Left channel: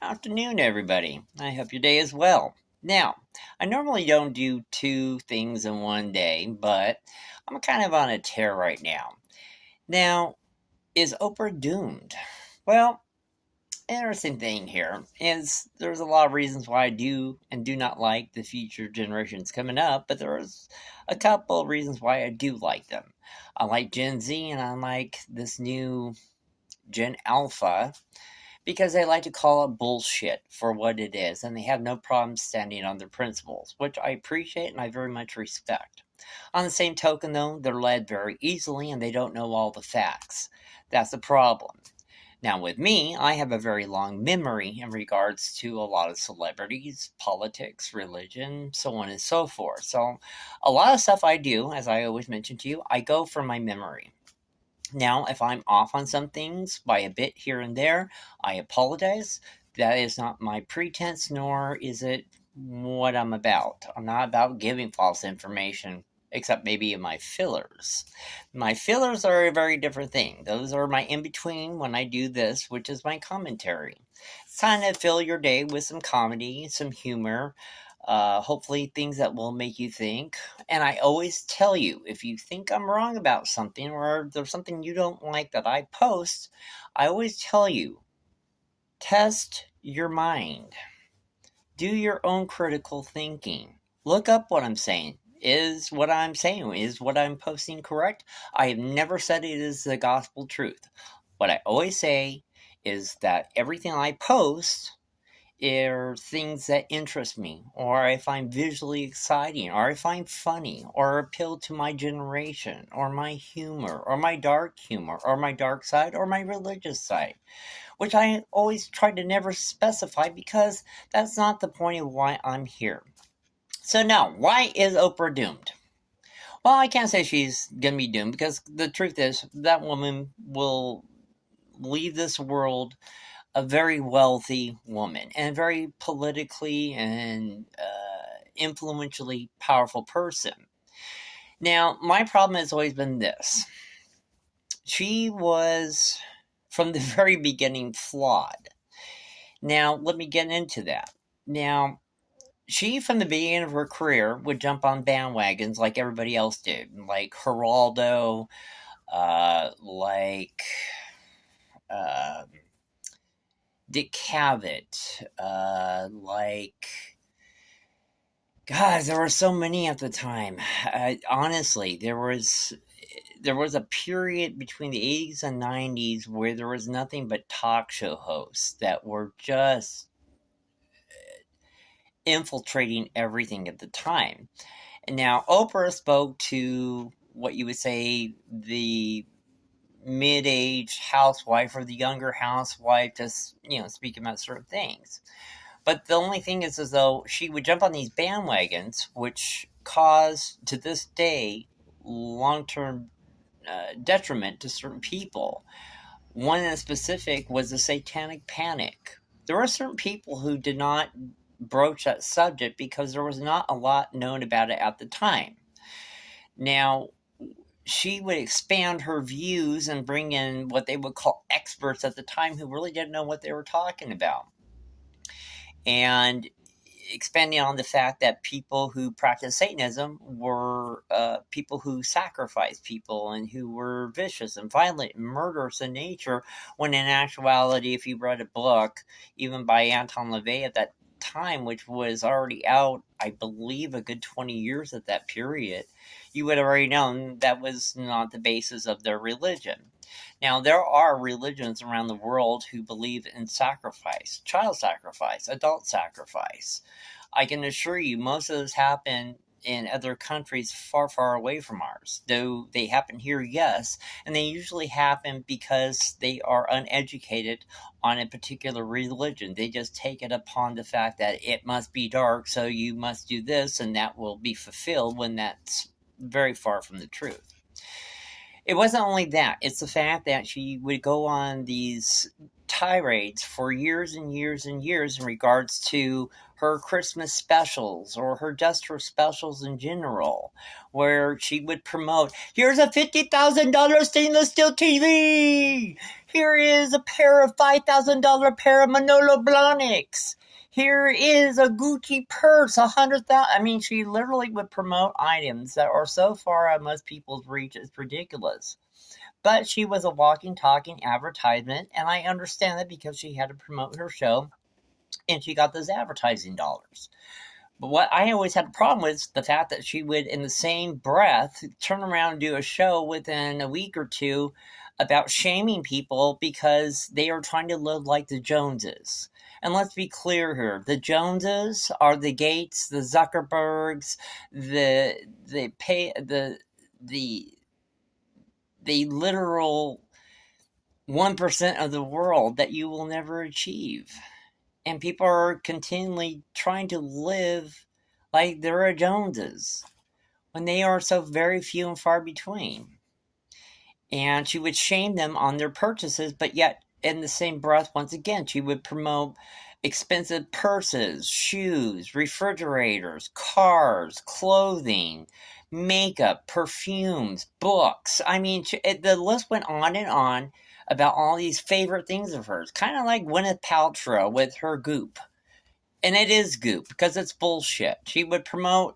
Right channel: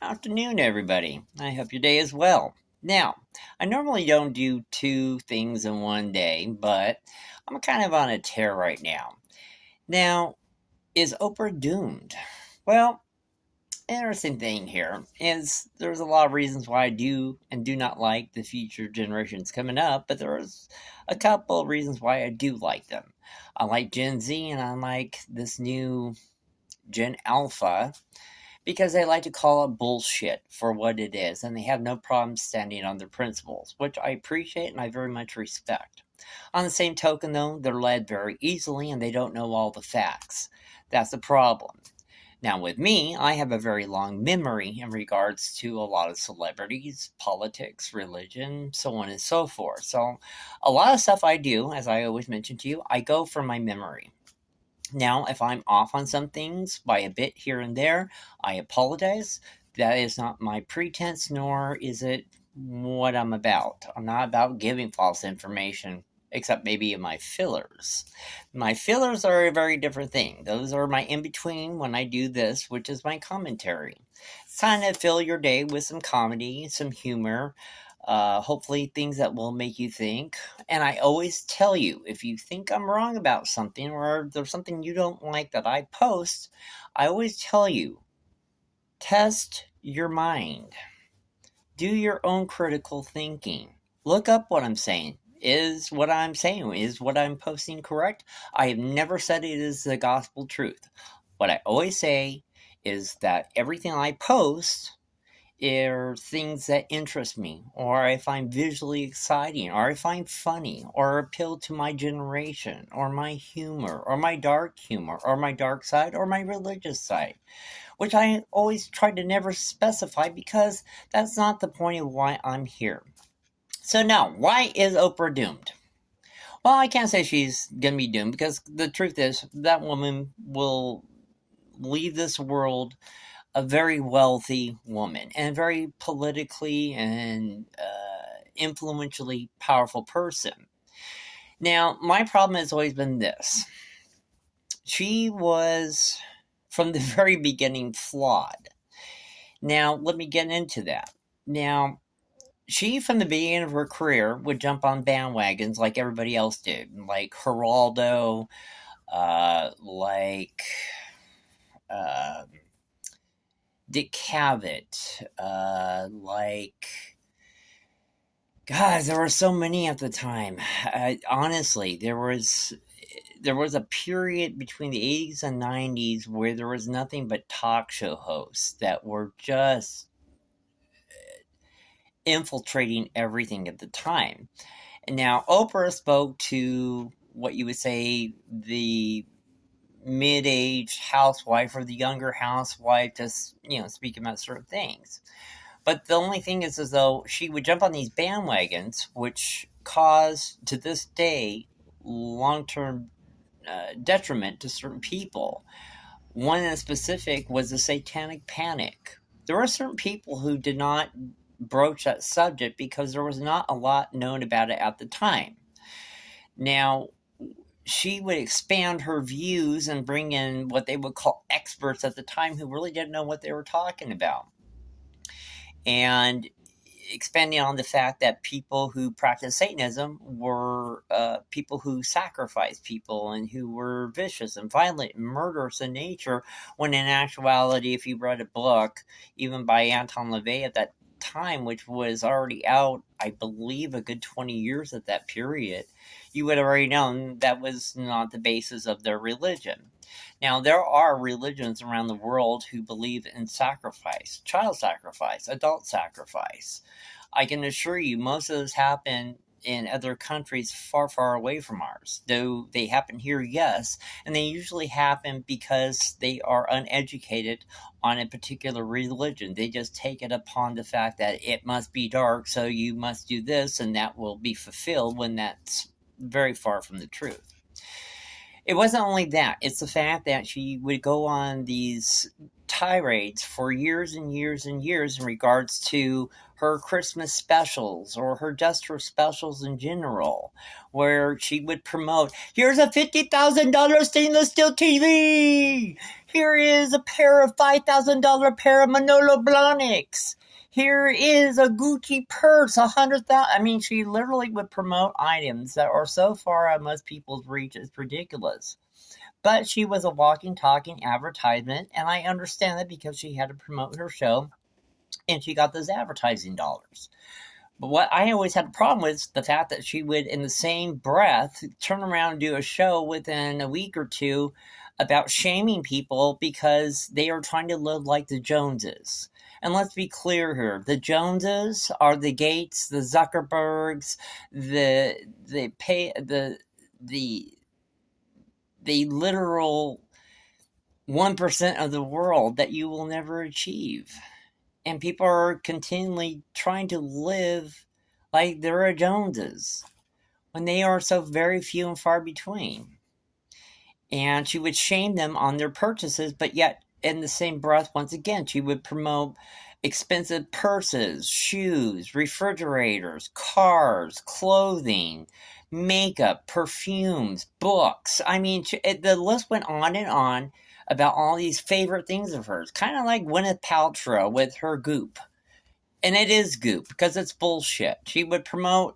Afternoon, everybody. I hope your day is well. Now, I normally don't do two things in one day, but I'm kind of on a tear right now. Now, is Oprah doomed? Well, interesting thing here is there's a lot of reasons why I do and do not like the future generations coming up, but there's a couple of reasons why I do like them. I like Gen Z and I like this new Gen Alpha because they like to call it bullshit for what it is, and they have no problem standing on their principles, which I appreciate and I very much respect. On the same token, though, they're led very easily and they don't know all the facts. That's the problem. Now, with me, I have a very long memory in regards to a lot of celebrities, politics, religion, so on and so forth. So, a lot of stuff I do, as I always mention to you, I go from my memory. Now, if I'm off on some things by a bit here and there, I apologize. That is not my pretense, nor is it what I'm about. I'm not about giving false information, except maybe in my fillers. My fillers are a very different thing. Those are my in between when I do this, which is my commentary. It's time to fill your day with some comedy, some humor, hopefully things that will make you think. And I always tell you, if you think I'm wrong about something or there's something you don't like that I post, I always tell you, test your mind. Do your own critical thinking. Look up what I'm saying. Is what I'm posting correct? I have never said it is the gospel truth. What I always say is that everything I post are things that interest me, or I find visually exciting, or I find funny, or appeal to my generation, or my humor, or my dark humor, or my dark side, or my religious side, which I always try to never specify because that's not the point of why I'm here. So now, why is Oprah doomed? Well, I can't say she's gonna be doomed because the truth is that woman will leave this world a very wealthy woman and a very politically and influentially powerful person. Now, my problem has always been this. She was, from the very beginning, flawed. Now, let me get into that. Now, she, from the beginning of her career, would jump on bandwagons like everybody else did, like Geraldo, like uh, Dick Cavett, God, there were so many at the time. Honestly, there was a period between the 80s and 90s where there was nothing but talk show hosts that were just infiltrating everything at the time. And now Oprah spoke to what you would say the mid-aged housewife or the younger housewife, just speak about certain things. But the only thing is, as though she would jump on these bandwagons, which cause to this day long-term detriment to certain people. One in specific was the Satanic Panic. There were certain people who did not broach that subject because there was not a lot known about it at the time. Now, she would expand her views and bring in what they would call experts at the time who really didn't know what they were talking about. And expanding on the fact that people who practice Satanism were people who sacrificed people and who were vicious and violent and murderous in nature, when in actuality, if you read a book, even by Anton LaVey at that time, which was already out, I believe, a good 20 years at that period, you would have already known that was not the basis of their religion. Now, there are religions around the world who believe in sacrifice, child sacrifice, adult sacrifice. I can assure you most of those happen in other countries far, far away from ours. Though they happen here, yes, and they usually happen because they are uneducated on a particular religion. They just take it upon the fact that it must be dark, so you must do this, and that will be fulfilled, when that's very far from the truth. It wasn't only that, it's the fact that she would go on these tirades for years and years and years in regards to her Christmas specials or her specials in general, where she would promote, here's a $50,000 stainless steel TV! Here is a pair of $5,000 pair of Manolo Blahniks! Here is a Gucci purse, 100,000. I mean, she literally would promote items that are so far out of most people's reach, it's ridiculous. But she was a walking, talking advertisement, and I understand that because she had to promote her show, and she got those advertising dollars. But what I always had a problem with is the fact that she would, in the same breath, turn around and do a show within a week or two about shaming people because they are trying to live like the Joneses. And let's be clear here, the Joneses are the Gates, the Zuckerbergs, the literal 1% of the world that you will never achieve. And people are continually trying to live like they're a Joneses when they are so very few and far between. And she would shame them on their purchases, but yet in the same breath, once again, she would promote expensive purses, shoes, refrigerators, cars, clothing, makeup, perfumes, books. I mean, the list went on and on about all these favorite things of hers. Kind of like Gwyneth Paltrow with her Goop. And it is Goop, because it's bullshit. She would promote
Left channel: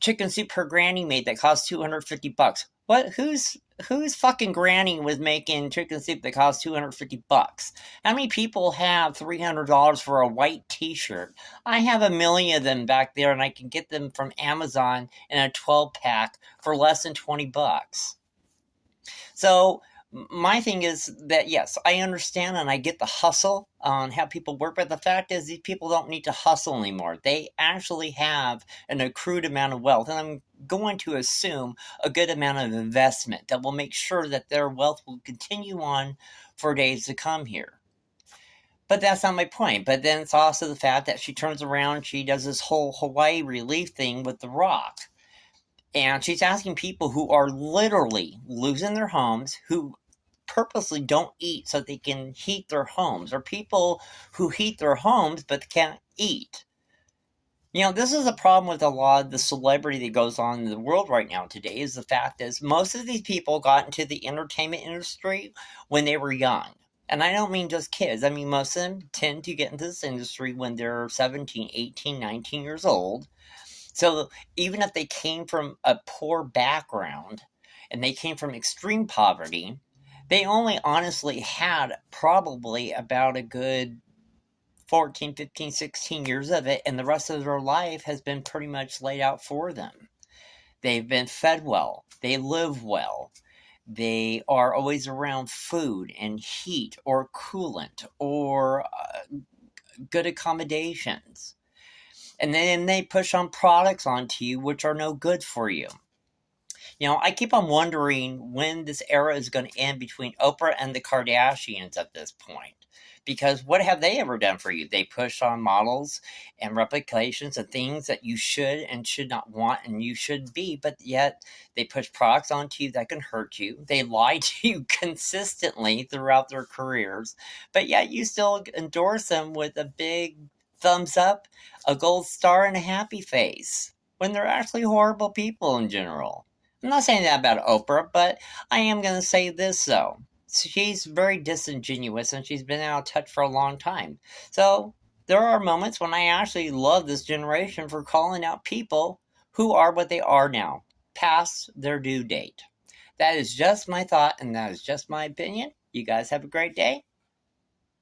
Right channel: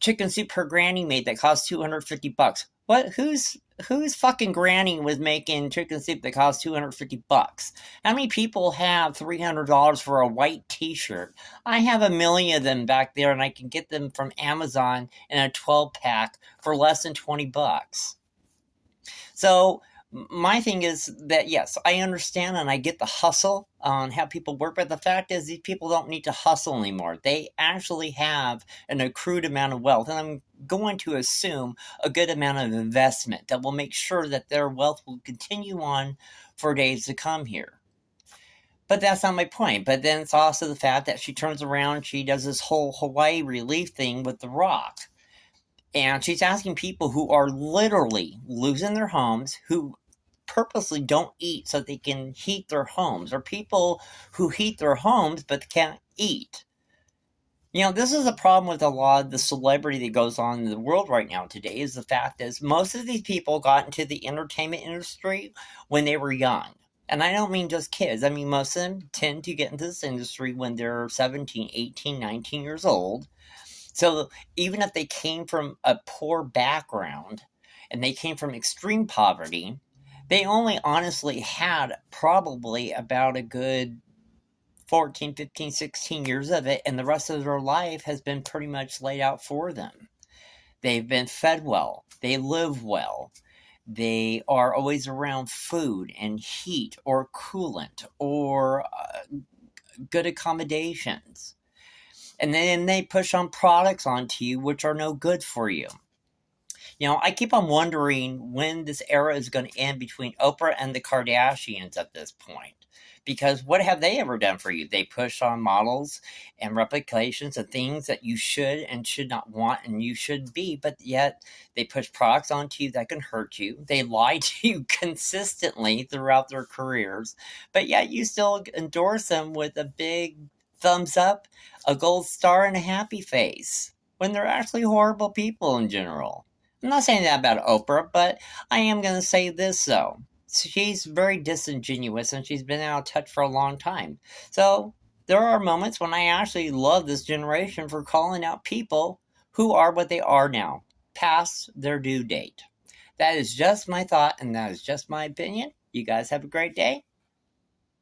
chicken soup her granny made that cost $250. What? Whose fucking granny was making chicken soup that cost $250? How many people have $300 for a white t-shirt? I have a million of them back there, and I can get them from Amazon in a 12-pack for less than $20. So my thing is that, yes, I understand and I get the hustle on how people work, but the fact is these people don't need to hustle anymore. They actually have an accrued amount of wealth, and I'm going to assume a good amount of investment that will make sure that their wealth will continue on for days to come here. But that's not my point. But then it's also the fact that she turns around, she does this whole Hawaii relief thing with The Rock. And she's asking people who are literally losing their homes, who purposely don't eat so they can heat their homes, or people who heat their homes but can't eat. You know, this is a problem with a lot of the celebrity that goes on in the world right now today, is the fact is most of these people got into the entertainment industry when they were young. And I don't mean just kids. I mean, most of them tend to get into this industry when they're 17, 18, 19 years old. So even if they came from a poor background and they came from extreme poverty, they only honestly had probably about a good 14, 15, 16 years of it, and the rest of their life has been pretty much laid out for them. They've been fed well. They live well. They are always around food and heat or coolant or good accommodations. And then they push on products onto you which are no good for you. You know, I keep on wondering when this era is going to end between Oprah and the Kardashians at this point. Because what have they ever done for you? They push on models and replications of things that you should and should not want and you should be, but yet they push products onto you that can hurt you. They lie to you consistently throughout their careers, but yet you still endorse them with a big thumbs up, a gold star, and a happy face, when they're actually horrible people in general. I'm not saying that about Oprah, but I am going to say this, though. She's very disingenuous, and she's been out of touch for a long time. So there are moments when I actually love this generation for calling out people who are what they are now, past their due date. That is just my thought, and that is just my opinion. You guys have a great day.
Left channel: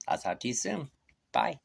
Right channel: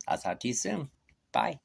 I'll talk to you soon. Bye.